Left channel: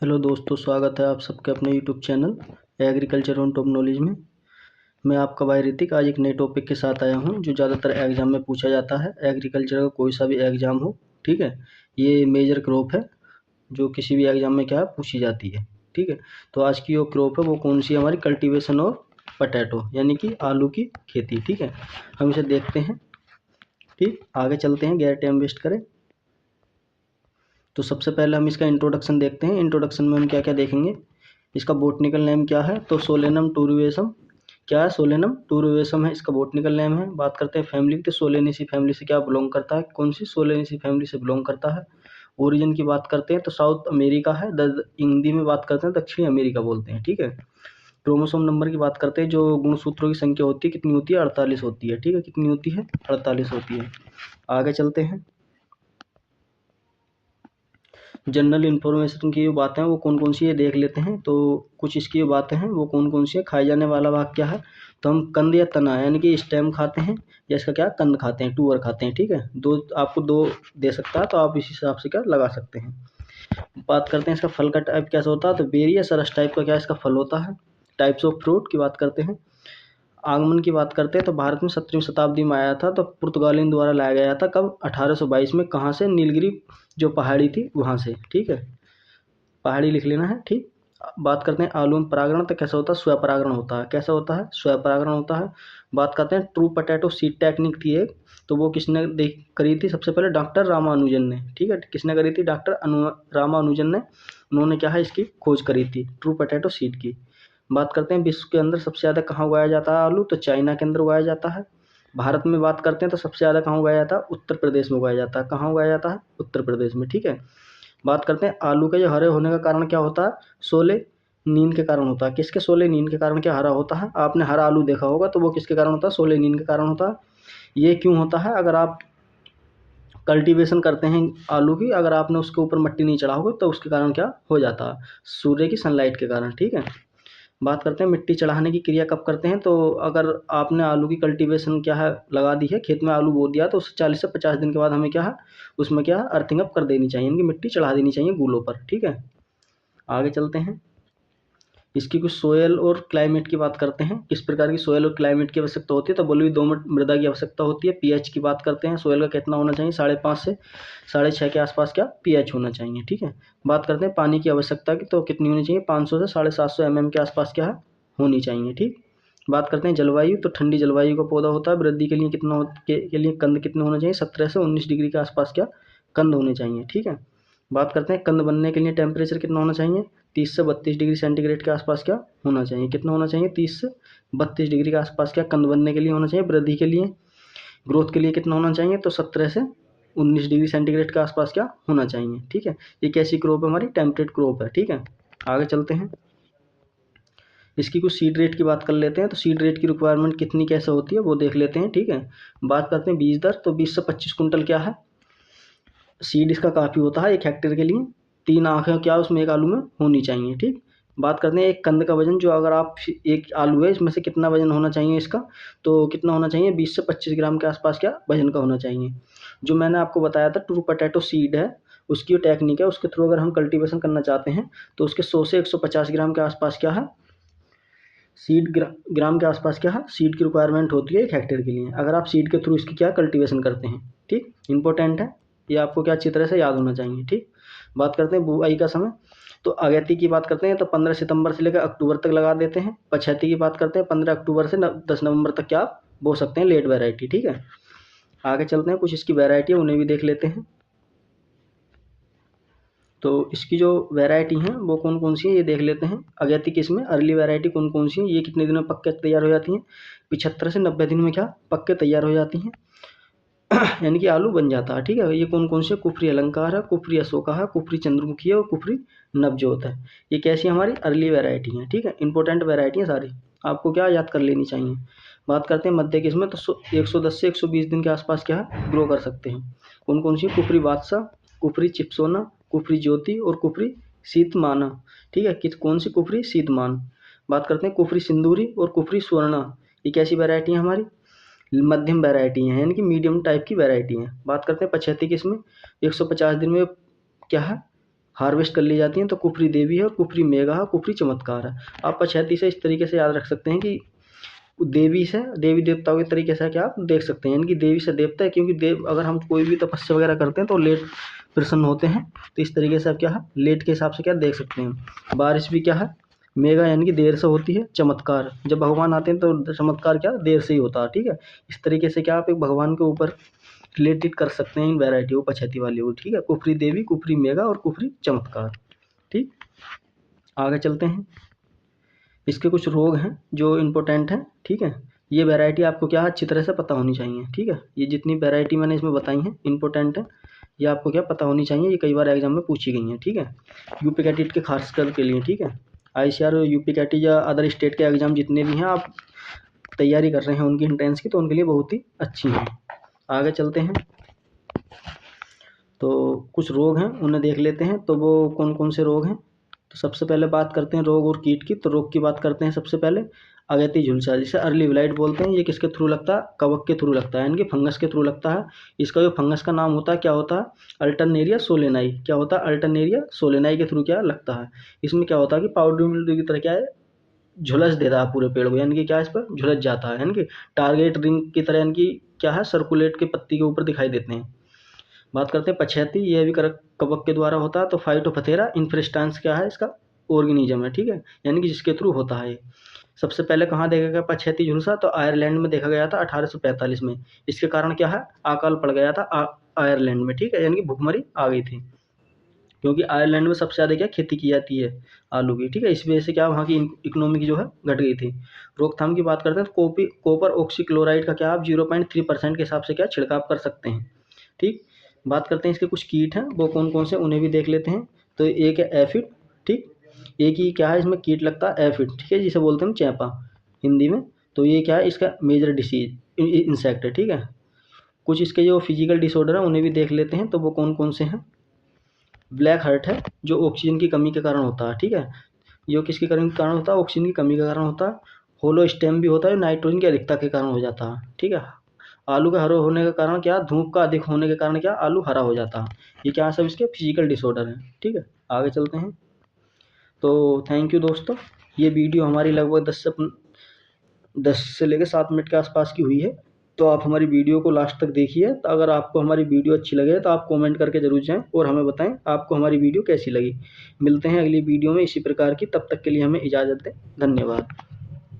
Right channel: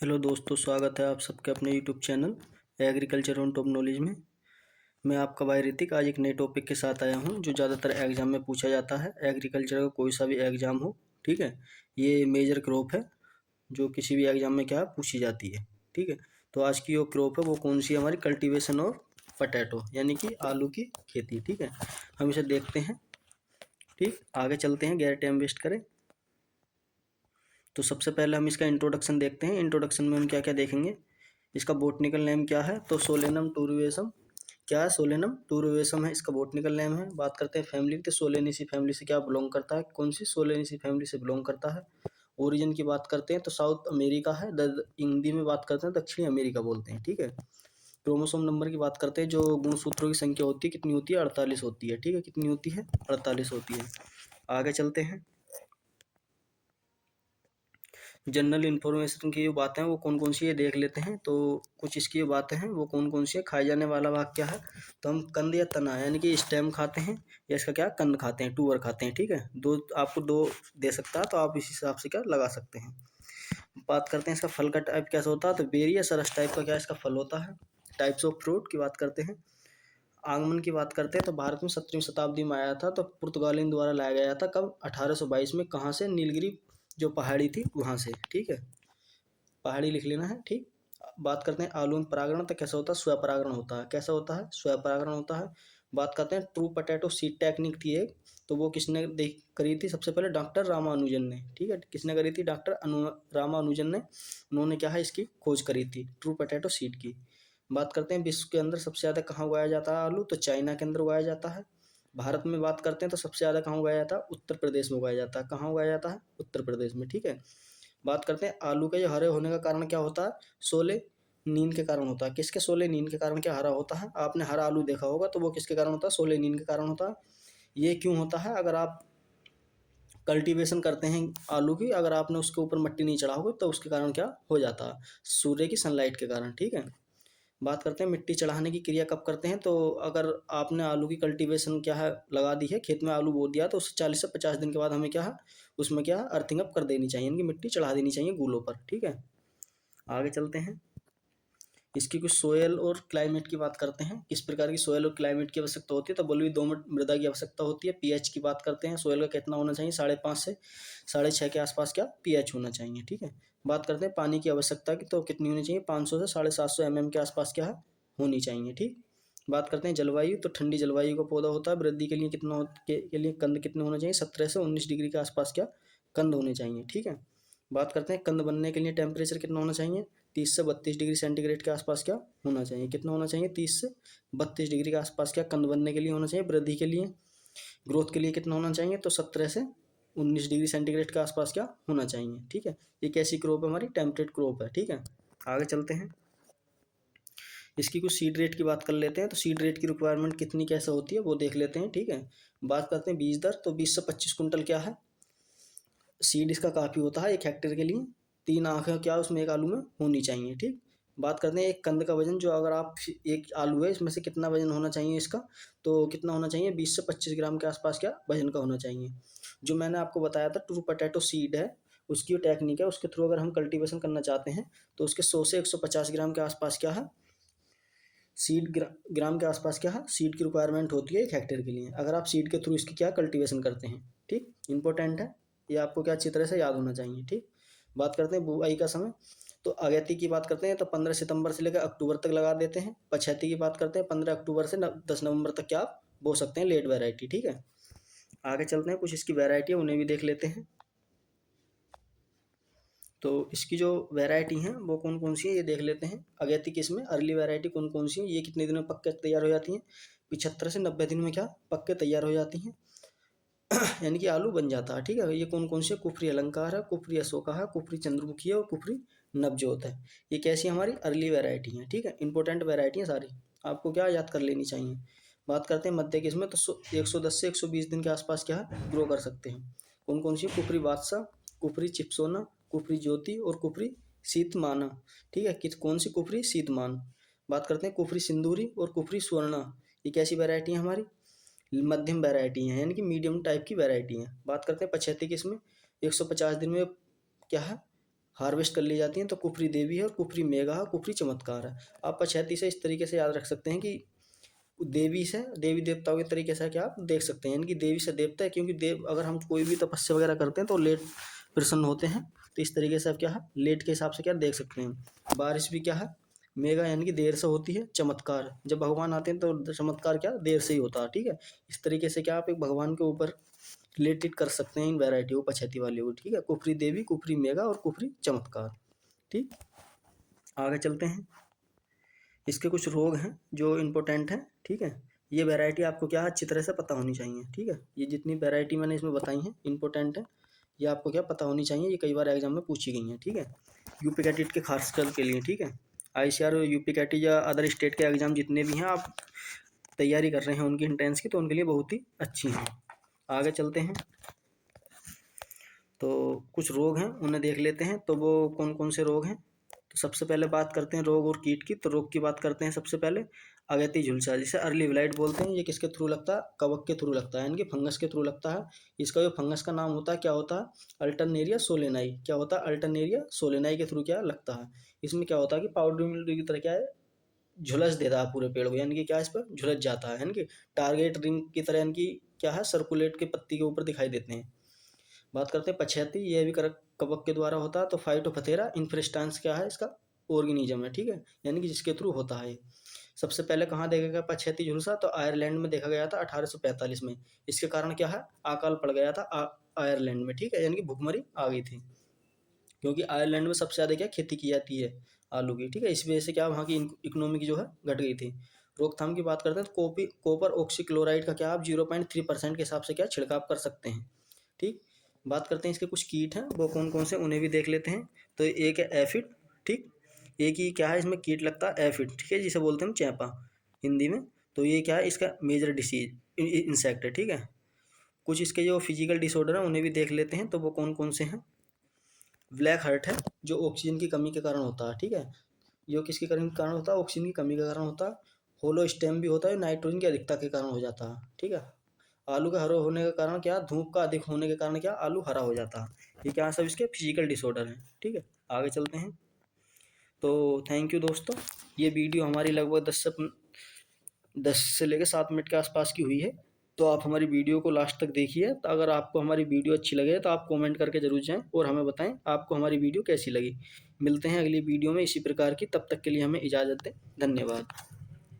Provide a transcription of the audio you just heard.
Hello दोस्तों, स्वागत है आप सबके अपने YouTube channel agriculture on top knowledge में। मैं आपका भाई ऋतिक आज एक नए टॉपिक के साथ आया हूं जो ज़्यादातर एग्जाम में पूछा जाता है। एग्रीकल्चर का कोई सा भी एग्जाम हो, ठीक है, ये मेजर क्रॉप है जो किसी भी एग्जाम में क्या है पूछी जाती है। ठीक है, तो आज की जो क्रॉप है वो कौन सी है हमारी, कल्टीवेशन और पटैटो यानी कि आलू की खेती। ठीक है, हम इसे देखते हैं। ठीक, आगे चलते हैं, गैर टाइम वेस्ट करें। तो सबसे पहले हम इसका इंट्रोडक्शन देखते हैं। इंट्रोडक्शन में हम क्या क्या देखेंगे, इसका बोटनिकल नेम क्या है, तो सोलेनम टूरुएसम। क्या है, सोलेनम टूरुएसम है इसका बोटनिकल नेम है। बात करते हैं फैमिली की, तो सोलेनेसी फैमिली से क्या बिलोंग करता है, कौन सी सोलेनेसी फैमिली से बिलोंग करता है। ओरिजिन की बात करते हैं तो साउथ अमेरिका है, हिंदी में बात करते हैं दक्षिणी अमेरिका बोलते हैं। ठीक है, क्रोमोसोम नंबर की बात करते हैं, जो गुणसूत्रों की संख्या होती है कितनी होती है, 48 होती है। ठीक है, कितनी होती है, 48 होती है। आगे चलते हैं, जनरल इन्फॉर्मेशन की जो बातें हैं वो कौन कौन सी है देख लेते हैं। तो कुछ इसकी जो बातें हैं वो कौन कौन सी है। खाए जाने वाला भाग क्या है, तो हम कंद या तना यानी कि स्टेम खाते हैं, या इसका क्या कंद खाते हैं, टूअर खाते हैं। ठीक है, दो आपको दो दे सकता है तो आप इस हिसाब से क्या लगा सकते हैं। बात करते हैं इसका फल का टाइप कैसा होता है, तो बेरी या सरस टाइप का क्या इसका फल होता है। टाइप्स ऑफ फ्रूट की बात करते हैं। आगमन की बात करते हैं तो भारत में 17वीं शताब्दी में आया था, तो पुर्तगालियों द्वारा लाया गया था। कब, 1822 में। कहाँ से, नीलगिरी जो पहाड़ी थी वहाँ से। ठीक है, पहाड़ी लिख लेना है। ठीक, बात करते हैं आलू में परागण तो कैसा होता है, स्वपरागण होता है। कैसा होता है, स्वपरागण होता है। बात करते हैं ट्रू पोटैटो सीड टेक्निक थी एक, तो वो किसने देख करी थी, सबसे पहले डॉक्टर रामानुजन ने। ठीक है, किसने करी थी, डॉक्टर रामानुजन ने। उन्होंने क्या है इसकी खोज करी थी, ट्रू पोटैटो सीड की। बात करते हैं विश्व के अंदर सबसे ज़्यादा कहाँ उगाया जाता है आलू, तो चाइना के अंदर उगाया जाता है। भारत में बात करते हैं तो सबसे ज़्यादा कहाँ उगाया जाता है, उत्तर प्रदेश में उगाया जाता है। कहाँ उगाया जाता है, उत्तर प्रदेश में। ठीक है, बात करते हैं आलू के जो हरे होने का कारण क्या होता है, सोले नीन के कारण होता है। किसके, सोले नीन के कारण क्या हरा होता है। आपने हरा आलू देखा होगा तो वो किसके कारण होता है, सोले नीन के कारण होता है। ये क्यों होता है, अगर आप कल्टीवेशन करते हैं आलू की, अगर आपने उसके ऊपर मिट्टी नहीं चढ़ा होगा तो उसके कारण क्या हो जाता है, सूर्य की सनलाइट के कारण। ठीक है, बात करते हैं मिट्टी चढ़ाने की क्रिया कब करते हैं, तो अगर आपने आलू की कल्टीवेशन क्या है लगा दी है, खेत में आलू बो दिया, तो उससे 40 से 50 दिन के बाद हमें क्या है उसमें क्या है अर्थिंग अप कर देनी चाहिए, इनकी मिट्टी चढ़ा देनी चाहिए गूलों पर। ठीक है, आगे चलते हैं, इसकी कुछ सोयल और क्लाइमेट की बात करते हैं। किस प्रकार की सोयल और क्लाइमेट की आवश्यकता होती है, तो बलुई दोमट मृदा की आवश्यकता होती है। पीएच की बात करते हैं, सोयल का कितना होना चाहिए, 5.5 से 6.5 के आसपास क्या पीएच होना चाहिए। ठीक है, बात करते हैं पानी की आवश्यकता की, तो कितनी होनी चाहिए, 500 से 750 mm के आसपास क्या है होनी चाहिए। ठीक, बात करते हैं जलवायु, तो ठंडी जलवायु का पौधा होता है। वृद्धि के लिए कितना के लिए कंद कितने होना चाहिए, 17 से 19 डिग्री के आसपास क्या कंद होने चाहिए। ठीक है, बात करते हैं कंद बनने के लिए टेम्परेचर कितना होना चाहिए, 30 से 32 डिग्री सेंटीग्रेड के आसपास क्या होना चाहिए। कितना होना चाहिए, 30 से 32 डिग्री के आसपास क्या कंद बनने के लिए होना चाहिए। वृद्धि के लिए, ग्रोथ के लिए कितना होना चाहिए, तो 17 से 19 डिग्री सेंटीग्रेड के आसपास क्या होना चाहिए। ठीक है, ये कैसी क्रॉप है हमारी, टेम्परेट क्रॉप है। ठीक है, आगे चलते हैं, इसकी कुछ सीड रेट की बात कर लेते हैं। तो सीड रेट की रिक्वायरमेंट कितनी कैसे होती है वो देख लेते हैं। ठीक है, बात करते हैं बीज दर, तो 20 से 25 कुंटल क्या है सीड इसका काफ़ी होता है 1 हेक्टेयर के लिए। 3 आँखें क्या उसमें एक आलू में होनी चाहिए। ठीक, बात करते हैं एक कंद का वजन, जो अगर आप एक आलू है इसमें से कितना वजन होना चाहिए इसका, तो कितना होना चाहिए, 20 से 25 ग्राम के आसपास क्या वजन का होना चाहिए। जो मैंने आपको बताया था ट्रू पोटैटो सीड है, उसकी जो टेक्निक है उसके थ्रू अगर हम कल्टीवेशन करना चाहते हैं तो उसके 100 से 150 ग्राम के आसपास क्या है सीड ग्राम के आसपास क्या है सीड की रिक्वायरमेंट होती है 1 हेक्टेयर के लिए, अगर आप सीड के थ्रू इसकी क्या कल्टीवेशन करते हैं। ठीक, इंपॉर्टेंट है, ये आपको क्या अच्छी तरह से याद होना चाहिए। ठीक, बात करते हैं बुआई का समय, तो अगैती की बात करते हैं तो 15 सितंबर से लेकर अक्टूबर तक लगा देते हैं। पछैती की बात करते हैं 15 अक्टूबर से 10 नवंबर तक क्या आप बो सकते हैं, लेट वैरायटी। ठीक है, आगे चलते हैं, कुछ इसकी वैरायटी है उन्हें भी देख लेते हैं। तो इसकी जो वैरायटी हैं वो कौन कौन सी है ये देख लेते हैं। अगैती की इसमें अर्ली वैरायटी कौन कौन सी है, ये कितने दिन में पक के तैयार हो जाती हैं, 75 से 90 दिन में क्या पक के तैयार हो जाती हैं यानी कि आलू बन जाता है। ठीक है, ये कौन कौन से, कुफरी अलंकार है, कुफरी अशोका है, कुफरी चंद्रमुखी है और कुफरी नवजोत है। ये कैसी हमारी अर्ली वैरायटी हैं। ठीक है, इंपॉर्टेंट वैरायटी हैं सारी, आपको क्या याद कर लेनी चाहिए। बात करते हैं मध्य किस्में, तो 110 से 120 दिन के आसपास क्या है ग्रो कर सकते हैं। कौन कौन सी, कुफरी बादशाह, कुफरी चिपसोना, कुफरी ज्योति और कुफरी शीतमाना। ठीक है, किस कौन सी, कुफरी शीतमान। बात करते हैं कुफरी सिंदूरी और कुफरी स्वर्णा, ये कैसी वैरायटी है हमारी, मध्यम वैरायटी हैं यानी कि मीडियम टाइप की वैरायटी हैं। बात करते हैं पछेती किस्में, 150 दिन में क्या है हार्वेस्ट कर ली जाती हैं, तो कुफरी देवी है और कुफरी मेघा है और कुफरी चमत्कार है। आप पछैती से इस तरीके से याद रख सकते हैं कि देवी से देवी देवताओं के तरीके से क्या आप देख सकते हैं, यानी कि देवी से देवता है, क्योंकि देव अगर हम कोई भी तपस्या वगैरह करते हैं तो लेट प्रसन्न होते हैं, तो इस तरीके से आप क्या है लेट के हिसाब से क्या देख सकते हैं। बारिश भी क्या है मेघा यानी कि देर से होती है। चमत्कार जब भगवान आते हैं तो चमत्कार क्या देर से ही होता है, ठीक है। इस तरीके से क्या आप एक भगवान के ऊपर रिलेटेड कर सकते हैं इन वैरायटियों पछैती वाली को, ठीक है। कुफरी देवी, कुफरी मेघा और कुफरी चमत्कार, ठीक। आगे चलते हैं। इसके कुछ रोग हैं जो इम्पोर्टेंट हैं, ठीक है। ये वैरायटी आपको क्या है अच्छी तरह से पता होनी चाहिए, ठीक है। ये जितनी वैरायटी मैंने इसमें बताई हैं इम्पोर्टेंट है, ये आपको क्या पता होनी चाहिए, ये कई बार एग्जाम में पूछी गई हैं, ठीक है। यूपी कैटेट के खासकर के लिए, ठीक है। ICAR और यूपी कैटेट या अदर स्टेट के एग्जाम जितने भी हैं आप तैयारी कर रहे हैं उनकी एंट्रेंस की, तो उनके लिए बहुत ही अच्छी हैं। आगे चलते हैं। तो कुछ रोग हैं उन्हें देख लेते हैं, तो वो कौन कौन से रोग हैं। तो सबसे पहले बात करते हैं रोग और कीट की। तो रोग की बात करते हैं सबसे पहले अगैती झुलसा, जिसे अर्ली ब्लाइट बोलते हैं। ये किसके थ्रू लगता है, कवक के थ्रू लगता है, यानी कि फंगस के थ्रू लगता है। इसका जो फंगस का नाम होता है क्या होता है, अल्टरनेरिया सोलेनाई। क्या होता है, अल्टरनेरिया सोलेनाई के थ्रू क्या लगता है। इसमें क्या होता है कि पाउडर मिल्ड्यू की तरह क्या है झुलस देता है पूरे पेड़ को, यानी कि क्या इस पर झुलस जाता है, यानी कि टारगेट रिंग की तरह, यानी कि क्या है सर्कुलेट के पत्ती के ऊपर दिखाई देते हैं। बात करते हैं पछैती, यह भी कवक के द्वारा होता है। तो फाइटोपथेरा इन्फ्रेस्टांस क्या है इसका ऑर्गेनिज्म है, ठीक है, यानी कि जिसके थ्रू होता है। सबसे पहले कहाँ देखा गया पछैती झुलसा, तो आयरलैंड में देखा गया था 1845 में। इसके कारण क्या है अकाल पड़ गया था आयरलैंड में, ठीक है, यानी कि भुखमरी आ गई थी, क्योंकि आयरलैंड में सबसे ज़्यादा क्या खेती की जाती है आलू की, ठीक है। इस वजह से क्या वहाँ की इकोनॉमिक जो है घट गई थी। रोकथाम की बात करते हैं तो कॉपर ऑक्सीक्लोराइड का क्या आप 0.3% के हिसाब से क्या छिड़काव कर सकते हैं, ठीक। बात करते हैं इसके कुछ कीट हैं वो कौन कौन से, उन्हें भी देख लेते हैं। तो एक है एफिड, ठीक। एक ही क्या है इसमें कीट लगता है एफिड, ठीक है, जिसे बोलते हैं चैपा हिंदी में। तो ये क्या है इसका मेजर डिसीज इंसेक्ट है, ठीक है। कुछ इसके जो फिजिकल डिसऑर्डर हैं उन्हें भी देख लेते हैं, तो वो कौन कौन से हैं। ब्लैक हार्ट है जो ऑक्सीजन की कमी के कारण होता है, ठीक है। जो किसके कारण होता है, ऑक्सीजन की कमी के कारण होता है। होलो स्टेम भी होता है, नाइट्रोजन की अधिकता के कारण हो जाता है, ठीक है। आलू का हरा होने का कारण क्या, धूप का अधिक होने के कारण क्या आलू हरा हो जाता है। ये क्या सब इसके फिजिकल डिसऑर्डर हैं, ठीक है। आगे चलते हैं। तो थैंक यू दोस्तों, ये वीडियो हमारी लगभग 10 से लेकर 7 मिनट के आसपास की हुई है। तो आप हमारी वीडियो को लास्ट तक देखिए। तो अगर आपको हमारी वीडियो अच्छी लगे तो आप कमेंट करके ज़रूर जाएं और हमें बताएं आपको हमारी वीडियो कैसी लगी। मिलते हैं अगली वीडियो में इसी प्रकार की, तब तक के लिए हमें इजाज़त दें। धन्यवाद।